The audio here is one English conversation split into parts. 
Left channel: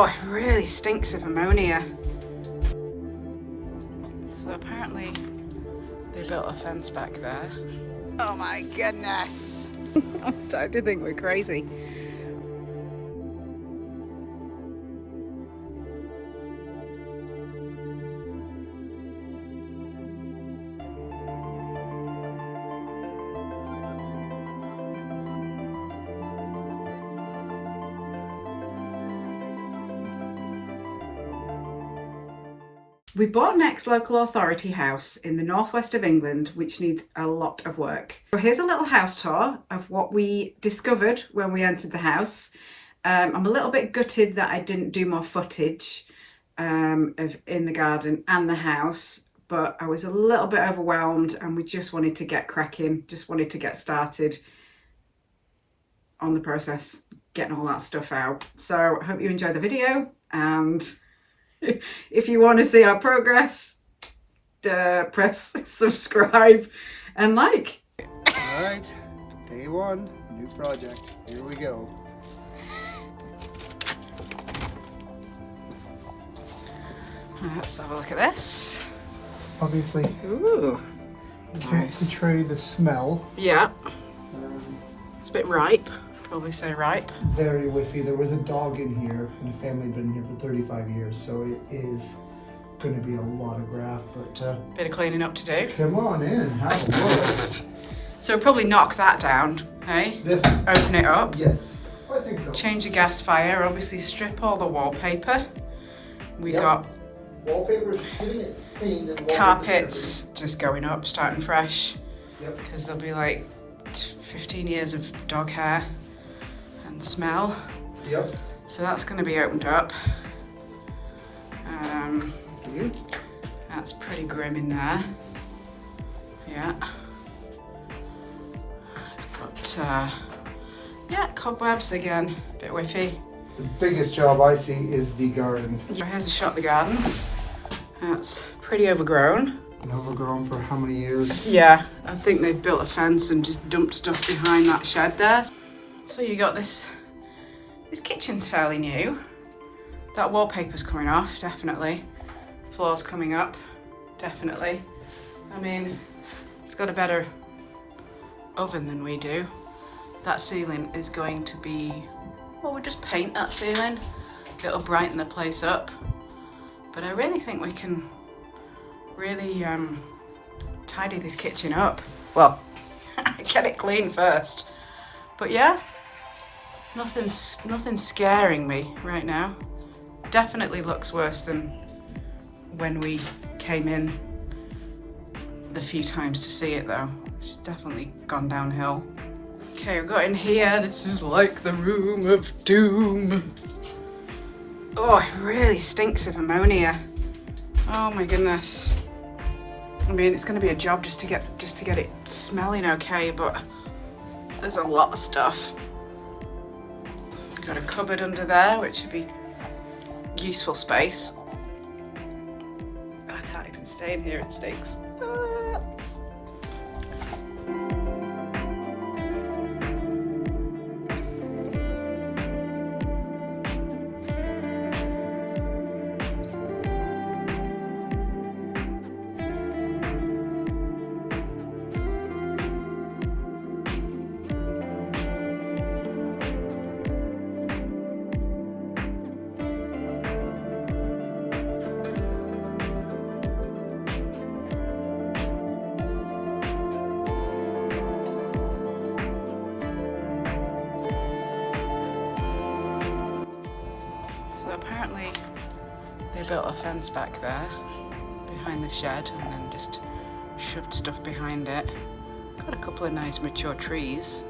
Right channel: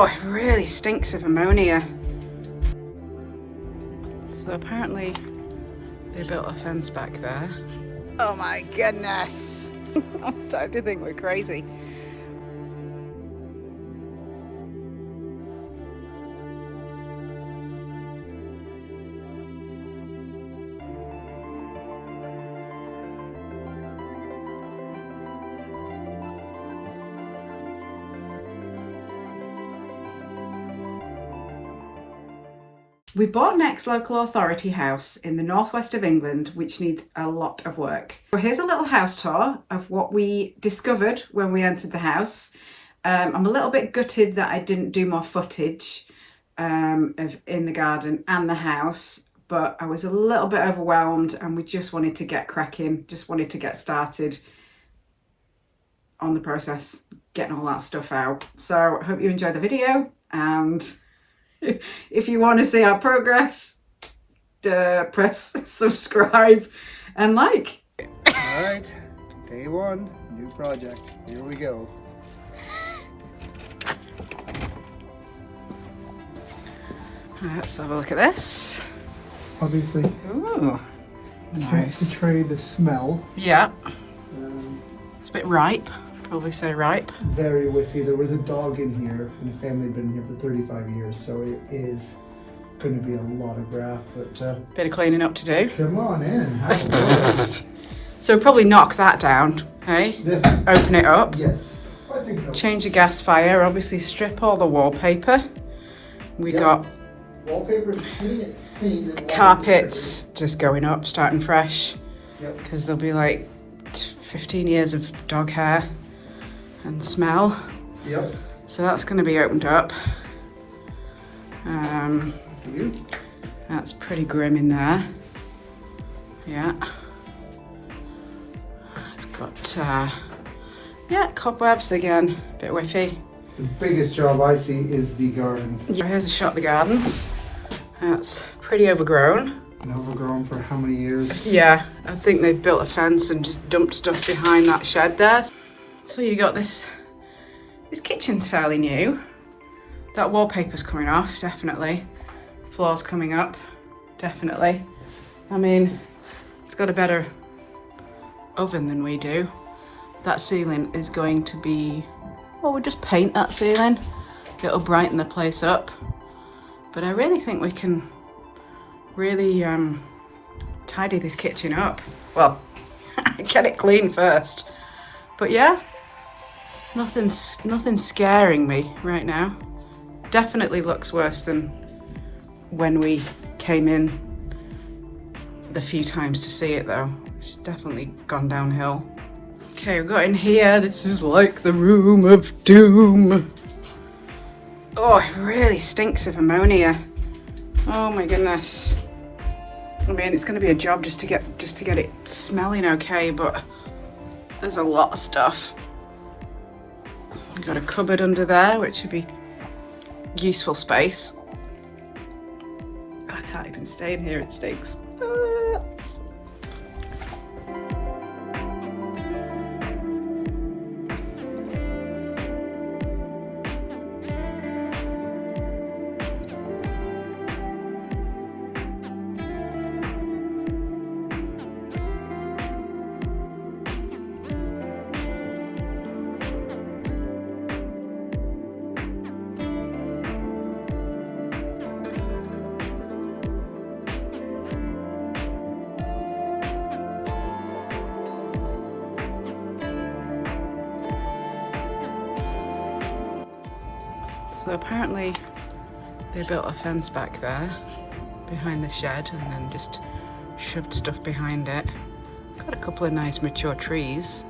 Oh, it really stinks of ammonia. So apparently they built a fence back there. Oh my goodness. I'm starting to think we're crazy. We bought next local authority house in the northwest of England, which needs a lot of work. So here's a little house tour of what we discovered when we entered the house. I'm a little bit gutted that I didn't do more footage of in the garden and the house, but I was a little bit overwhelmed and we just wanted to get cracking, just wanted to get started on the process, getting all that stuff out. So I hope you enjoy the video, and if you want to see our progress, press subscribe and like. All right, day one, new project. Here we go. Let's have a look at this. Obviously, Ooh, can't nice. portray the smell. Yeah, it's a bit ripe. Probably say ripe. Very whiffy. There was a dog in here, and the family had been here for 35 years, so it is going to be a lot of graft. But Bit of cleaning up to do. come on in and have a look. So probably knock that down, hey? This, Open it up. yes, I think so. Change the gas fire. Obviously strip all the wallpaper. We Yep. got Wallpaper's getting it cleaned and carpets just going up, starting fresh. Yep. Because there'll be like 15 years of dog hair and smell. Yep. So that's going to be opened up. You? That's pretty grim in there. Yeah. I've got, yeah, cobwebs again, a bit whiffy. The biggest job I see is the garden. So here's a shot of the garden. That's pretty overgrown. Been overgrown for how many years? Yeah, I think they've built a fence and just dumped stuff behind that shed there. So you got this kitchen's fairly new. That wallpaper's coming off, definitely. Floor's coming up, definitely. I mean, it's got a better oven than we do. That ceiling is going to be, well, we'll just paint that ceiling. It'll brighten the place up. But I really think we can really tidy this kitchen up. Well, get it clean first. But yeah, nothing's scaring me right now. Definitely looks worse than when we came in the few times to see it though. It's definitely gone downhill. Okay, we've got in here. This is like the room of doom. Oh, it really stinks of ammonia. Oh my goodness. I mean, it's going to be a job just to get it smelling okay, but there's a lot of stuff. Got a cupboard under there, which would be useful space. I can't even stay in here, it stinks. So apparently they built a fence back there behind the shed and then just shoved stuff behind it. Got a couple of nice mature trees.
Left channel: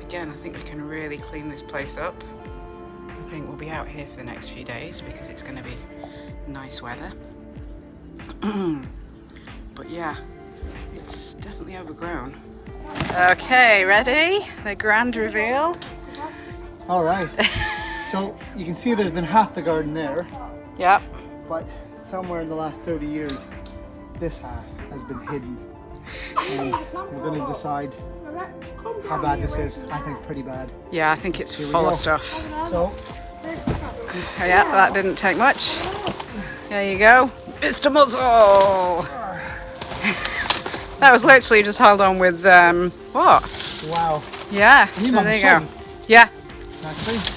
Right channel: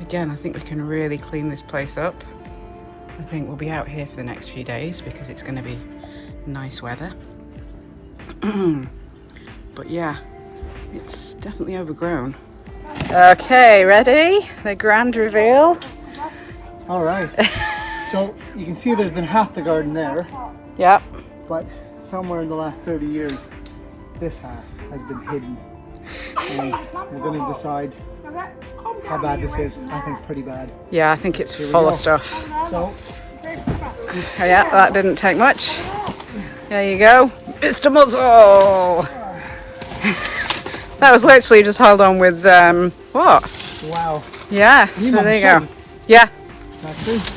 Again, I think we can really clean this place up. I think we'll be out here for the next few days because it's going to be nice weather. But yeah, it's definitely overgrown. Okay, ready? The grand reveal. All right. So you can see there's been half the garden there, Yep. but somewhere in the last 30 years, this half has been hidden. And we're going to decide how bad this is. I think pretty bad. Yeah, I think it's Here we full go. of stuff. So Yeah, that didn't take much. There you go, Mr. Muzzle. That was literally just held on with what? Wow. Yeah. So there you go. Yeah.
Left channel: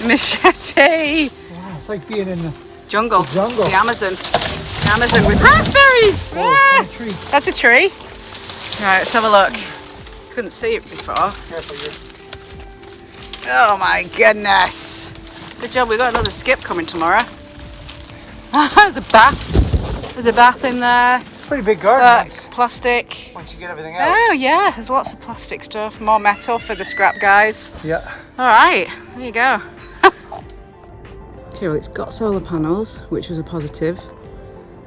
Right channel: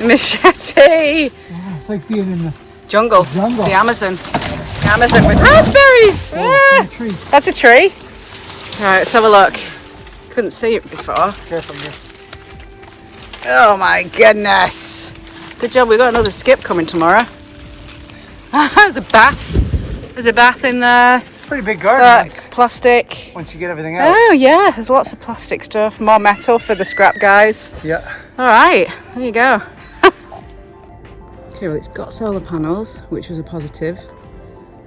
Machete. Wow, it's like being in the Jungle. jungle. The Amazon. The Amazon with raspberries. Oh, Yeah. That's a tree. Right, let's have a look. Couldn't see it before. Careful here. Oh my goodness. Good job, we've got another skip coming tomorrow. There's a bath. There's a bath in there. Pretty big garden. Plastic. Once you get everything out. Oh yeah, there's lots of plastic stuff. More metal for the scrap guys. Yeah. All right, there you go. Okay, well, it's got solar panels, which was a positive.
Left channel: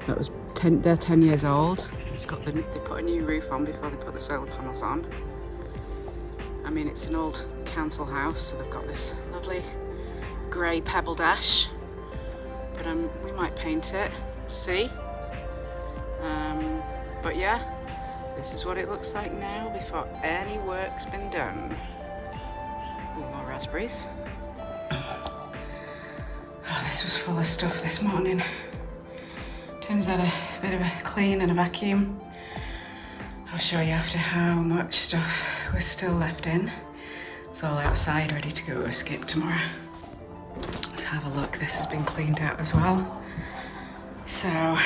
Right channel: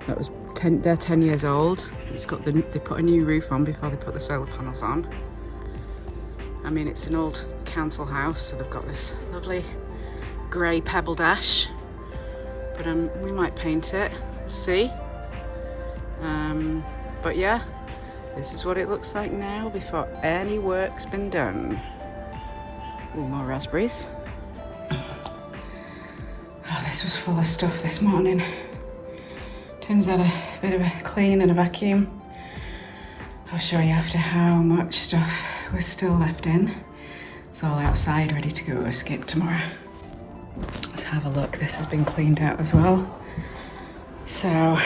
That was they're 10 years old. It's got they put a new roof on before they put the solar panels on. I mean, it's an old council house, so they've got this lovely grey pebble dash. But we might paint it, see. But yeah, this is what it looks like now before any work's been done. Ooh, more raspberries. Oh, this was full of stuff this morning. Tim's had a bit of a clean and a vacuum. I'll show you after how much stuff was still left in. It's all outside, ready to go to a skip tomorrow. Let's have a look. This has been cleaned out as well. So,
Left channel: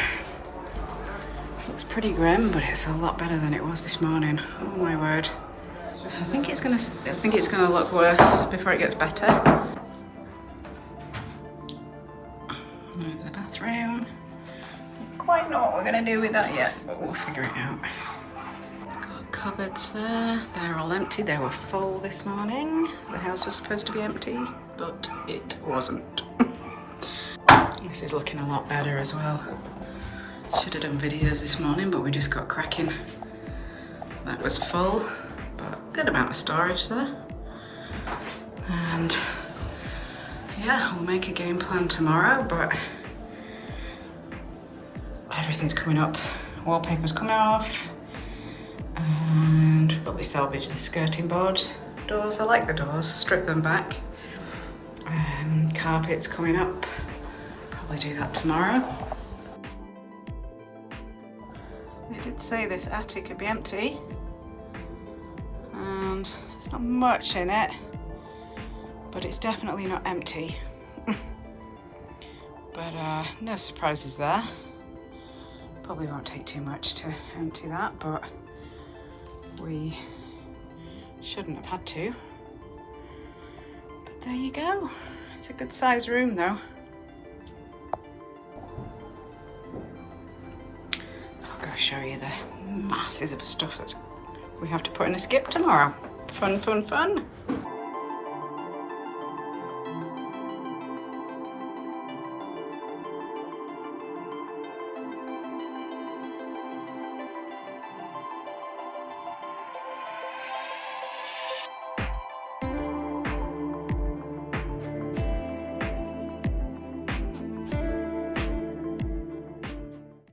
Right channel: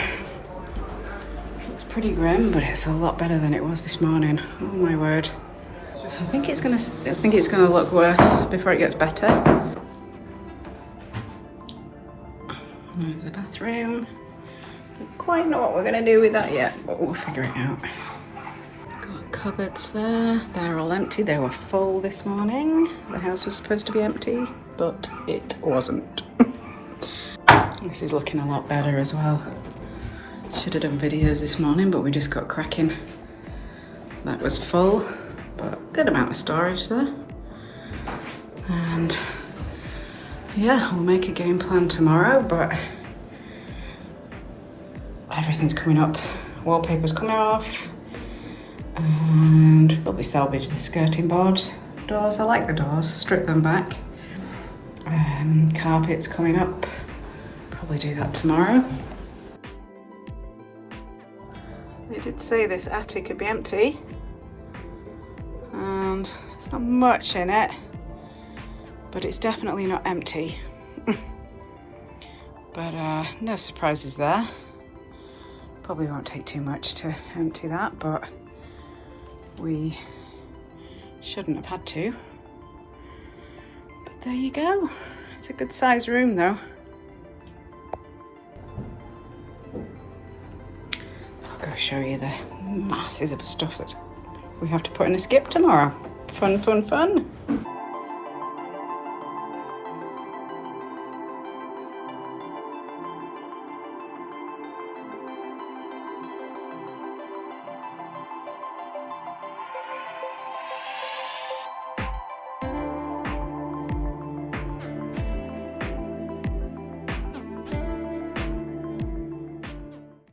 looks pretty grim, but it's a lot better than it was this morning. Oh my word. I think it's gonna look worse before it gets better. There's the bathroom. Don't quite know what we're gonna do with that yet, but we'll figure it out. Got cupboards there. They're all empty. They were full this morning. The house was supposed to be empty, but it wasn't. This is looking a lot better as well. Should have done videos this morning, but we just got cracking. That was full, but good amount of storage there. And yeah, we'll make a game plan tomorrow, but everything's coming up. Wallpaper's coming off, and probably salvage the skirting boards. Doors, I like the doors, strip them back. Carpet's coming up, probably do that tomorrow. They did say this attic could be empty, and there's not much in it, but it's definitely not empty. But no surprises there. Probably won't take too much to empty that, but we shouldn't have had to. But there you go. It's a good sized room though. I'll go show you the masses of stuff that we have to put in a skip tomorrow. Fun, fun, fun.